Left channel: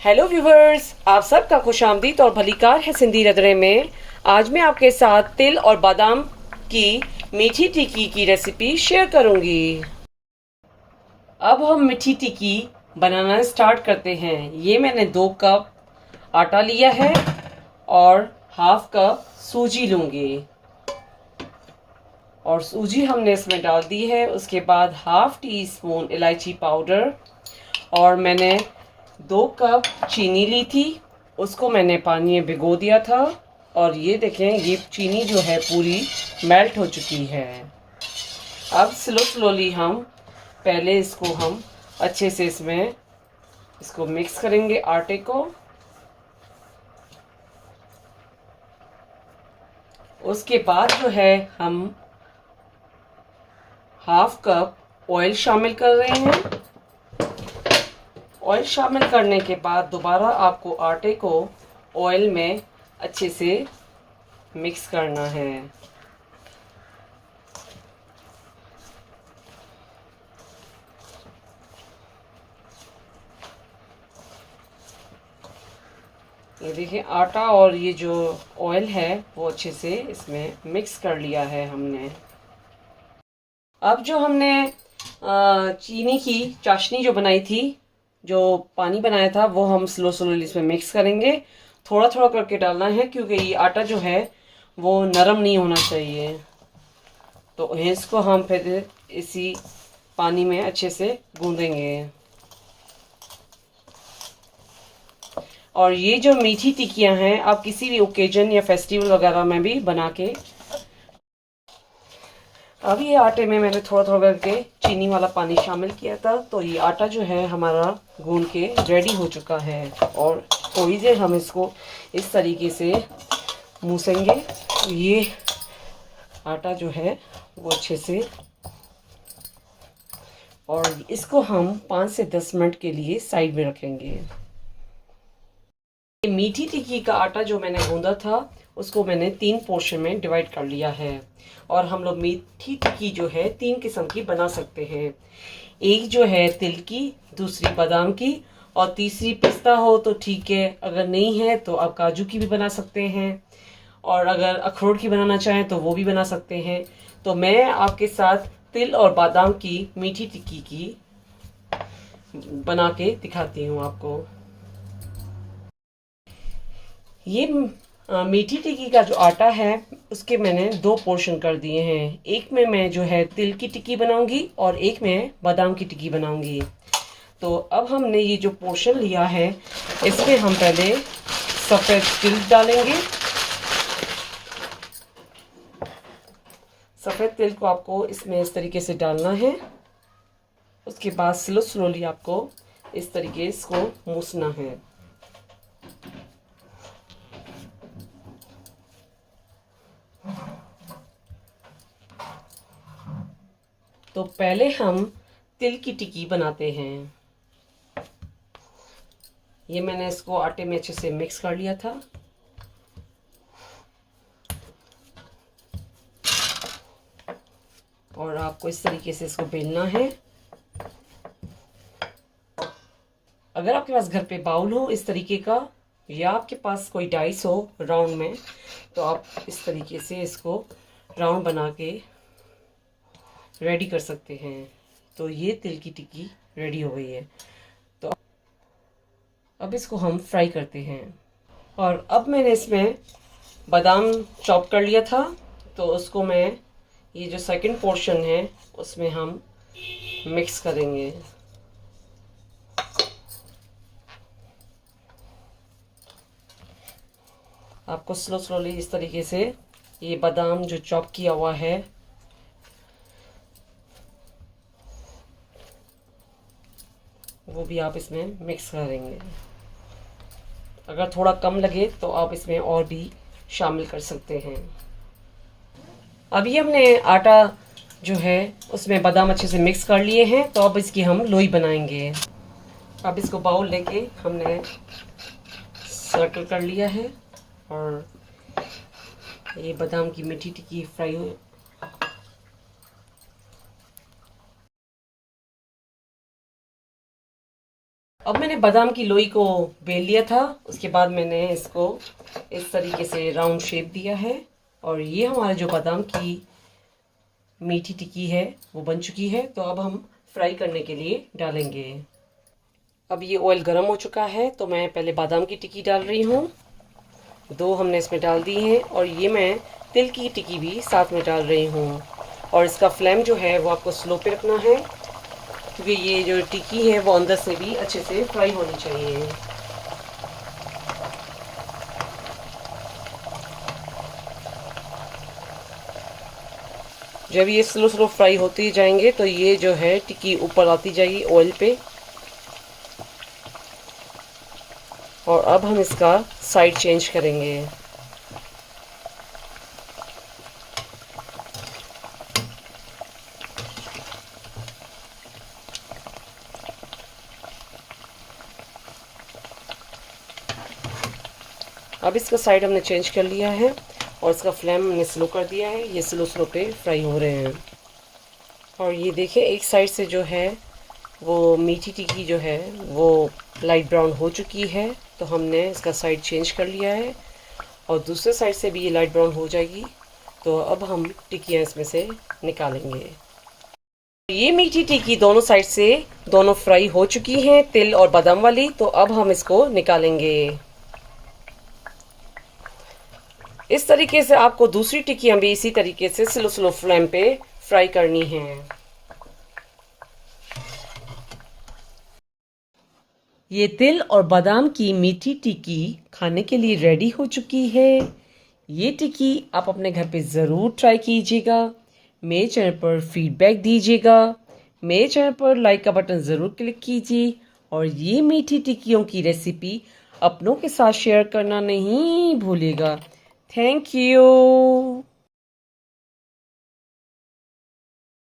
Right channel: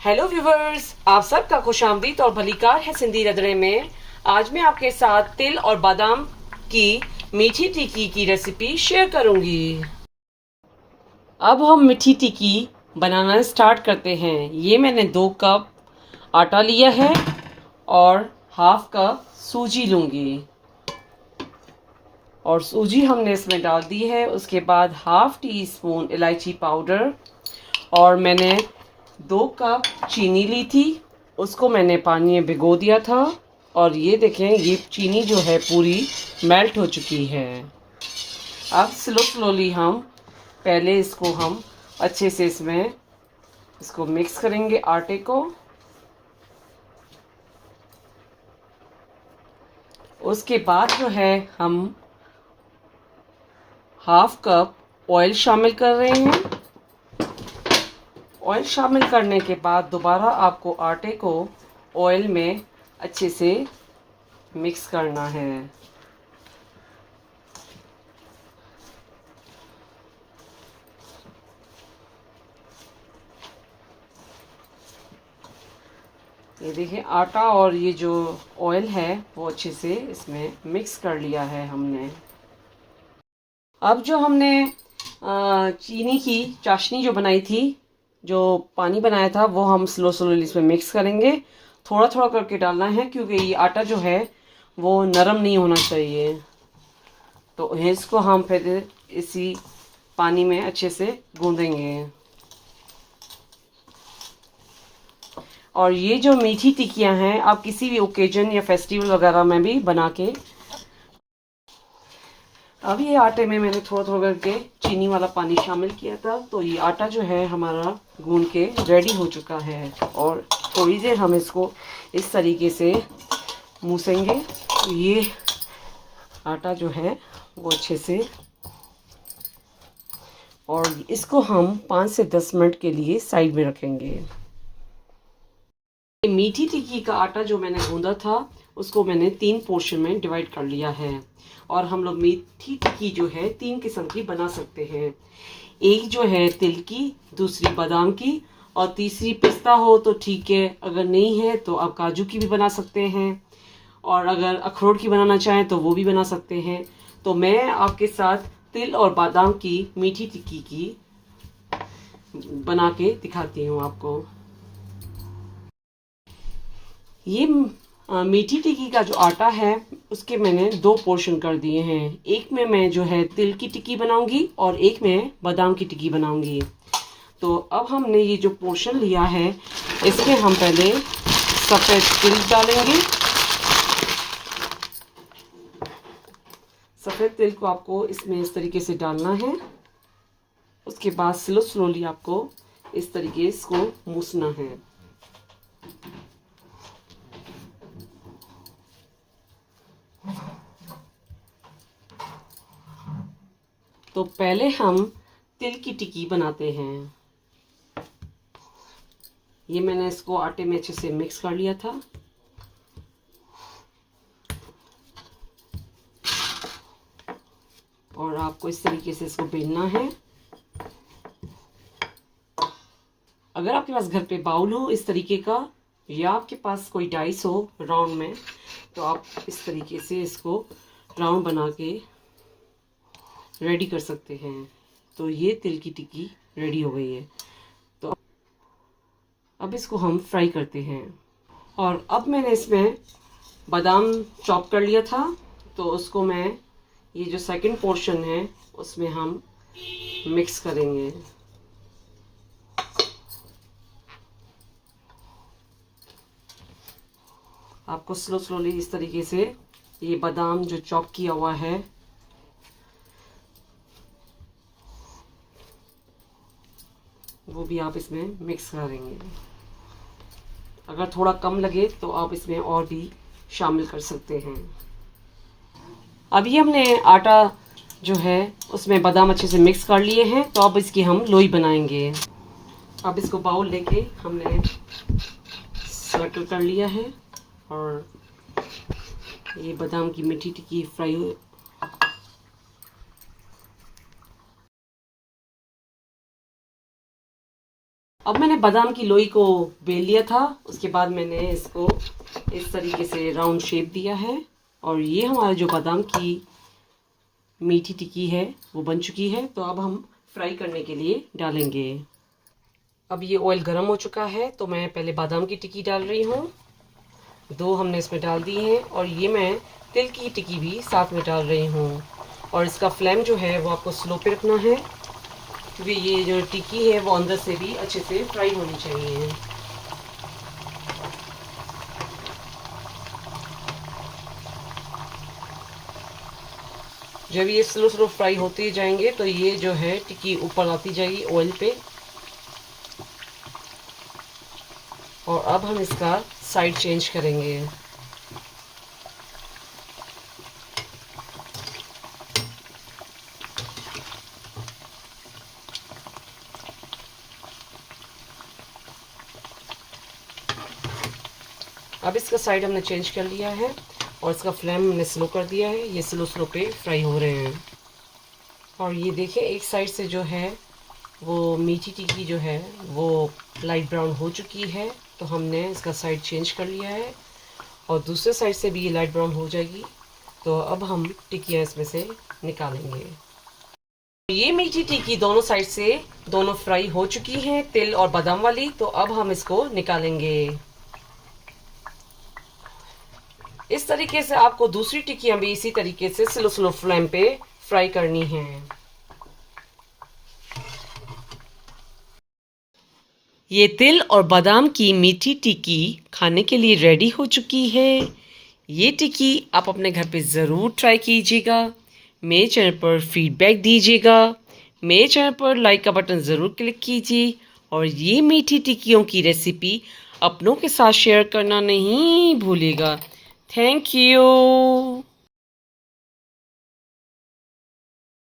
Hello viewers, आप सबका खुशामदीद और भलीकार है सिंधी रंधणे में। आज मैं आपके साथ तिल और बादाम की मीठी टिक्की की रेसिपी शेयर करूंगी। अब हम मीठी टिक्की बनाना स्टार्ट करते हैं। ये मैंने 2 कप आटा लिया है और हाफ कप सूजी लूंगी और सूजी हमने इसमें डाल दी है। उसके बाद हाफ टी स्पून इलायची पाउडर और मैंने 2 कप चीनी ली थी, उसको मैंने पानी में भिगो दिया था और ये देखें, ये चीनी जो है पूरी मेल्ट हो चुकी है। अब स्लोली हम पहले इसको हम अच्छे से इसको मिक्स करेंगे आटे को। उसके बाद जो है हम हाफ कप ऑयल शामिल कर रहे हैं। ऑयल शामिल करने के बाद दोबारा आपको आटे को ऑयल में अच्छे से मिक्स करना है। ये देखिए, आटा और ये जो ऑयल है वो अच्छे से इसमें मिक्स कर लिया है हमने। अब जो हमने चीनी की चाशनी जो बनाई थी, जो पानी बनाया था, वो हम स्लोली इसमें मिक्स करेंगे। थोड़ा थोड़ा करके डालना है क्योंकि ये आटा जो है वो नरम नहीं होना चाहिए। तो इसको हम फिर इसी पानी में अच्छे से गूंदेंगे। और ये जो मीठी टिक्कियां हैं, आप किसी भी ओकेजन या फेस्टिवल वगैरह में भी बना के। अब ये आटे में मैंने थोड़ा थोड़ा करके चीनी वाला पानी शामिल किया था, तो ये आटा जो है हमारा गूंद के रेडी हो चुका है। और थोड़ी देर हम इसको इस तरीके से मूसेंगे। ये आटा जो है वो अच्छे से, और इसको हम 5 से 10 मिनट के लिए साइड में रखेंगे। मीठी टिक्की का आटा जो मैंने गूंदा था उसको मैंने 3 पोर्शन में डिवाइड कर लिया है। और हम लोग मीठी टिक्की जो है 3 किस्म की बना सकते हैं। एक जो है तिल की, दूसरी बादाम की और तीसरी पिस्ता हो तो ठीक है, अगर नहीं है तो आप काजू की भी बना सकते हैं। और अगर अखरोट की बनाना चाहें तो वो भी बना सकते हैं। तो मैं आपके साथ तिल और बादाम की मीठी टिक्की की बना के दिखाती हूँ आपको। ये मीठी टिक्की का जो आटा है उसके मैंने 2 पोर्शन कर दिए हैं। एक में मैं जो है तिल की टिक्की बनाऊंगी और एक में बादाम की टिक्की बनाऊंगी। तो अब हमने ये जो पोर्शन लिया है इसमें हम पहले सफ़ेद तिल डालेंगे। सफ़ेद तिल को आपको इसमें इस तरीके से डालना है। उसके बाद स्लोली आपको इस तरीके इसको मूसना है। तो पहले हम तिल की टिक्की बनाते हैं। ये मैंने इसको आटे में अच्छे से मिक्स कर लिया था। और आपको इस तरीके से इसको बेलना है। अगर आपके पास घर पे बाउल हो इस तरीके का, या आपके पास कोई डाइस हो राउंड में, तो आप इस तरीके से इसको राउंड बना के रेडी कर सकते हैं। तो ये तिल की टिक्की रेडी हो गई है। तो अब इसको हम फ्राई करते हैं। और अब मैंने इसमें बादाम चॉप कर लिया था, तो उसको मैं, ये जो सेकंड पोर्शन है उसमें हम मिक्स करेंगे। आपको स्लोली इस तरीके से ये बादाम जो चॉप किया हुआ है वो भी आप इसमें मिक्स करेंगे। अगर थोड़ा कम लगे तो आप इसमें और भी शामिल कर सकते हैं। अभी हमने आटा जो है उसमें बादाम अच्छे से मिक्स कर लिए हैं, तो अब इसकी हम लोई बनाएंगे। अब इसको बाउल लेके हमने सर्कल कर लिया है और ये बादाम की मीठी टिक्की फ्राई अब मैंने बादाम की लोई को बेल लिया था, उसके बाद मैंने इसको इस तरीके से राउंड शेप दिया है और ये हमारा जो बादाम की मीठी टिक्की है वो बन चुकी है। तो अब हम फ्राई करने के लिए डालेंगे। अब ये ऑयल गर्म हो चुका है तो मैं पहले बादाम की टिक्की डाल रही हूँ। 2 हमने इसमें डाल दी हैं और ये मैं तिल की टिक्की भी साथ में डाल रही हूँ। और इसका फ्लेम जो है वो आपको स्लो पे रखना है क्योंकि ये जो टिक्की है वो अंदर से भी अच्छे से फ्राई होनी चाहिए। जब ये स्लो स्लो फ्राई होते जाएंगे तो ये जो है टिक्की ऊपर आती जाएगी ऑयल पे। और अब हम इसका साइड चेंज करेंगे। अब इसका साइड हमने चेंज कर लिया है और इसका फ्लेम हमने स्लो कर दिया है। ये स्लो स्लो पे फ्राई हो रहे हैं। और ये देखिए एक साइड से जो है वो मीठी टिक्की जो है वो लाइट ब्राउन हो चुकी है तो हमने इसका साइड चेंज कर लिया है और दूसरे साइड से भी ये लाइट ब्राउन हो जाएगी। तो अब हम टिक्कियाँ इसमें से निकालेंगे। ये मीठी टिक्की दोनों साइड से दोनों फ्राई हो चुकी हैं, तिल और बादाम वाली। तो अब हम इसको निकालेंगे। इस तरीके से आपको दूसरी टिक्कियाँ भी इसी तरीके से स्लो स्लो फ्लेम पे फ्राई करनी है। ये तिल और बादाम की मीठी टिक्की खाने के लिए रेडी हो चुकी है। ये टिक्की आप अपने घर पे ज़रूर ट्राई कीजिएगा। मेरे चैनल पर फीडबैक दीजिएगा। मेरे चैनल पर लाइक का बटन ज़रूर क्लिक कीजिए और ये मीठी टिक्कियों की रेसिपी अपनों के साथ शेयर करना नहीं भूलिएगा। Thank you.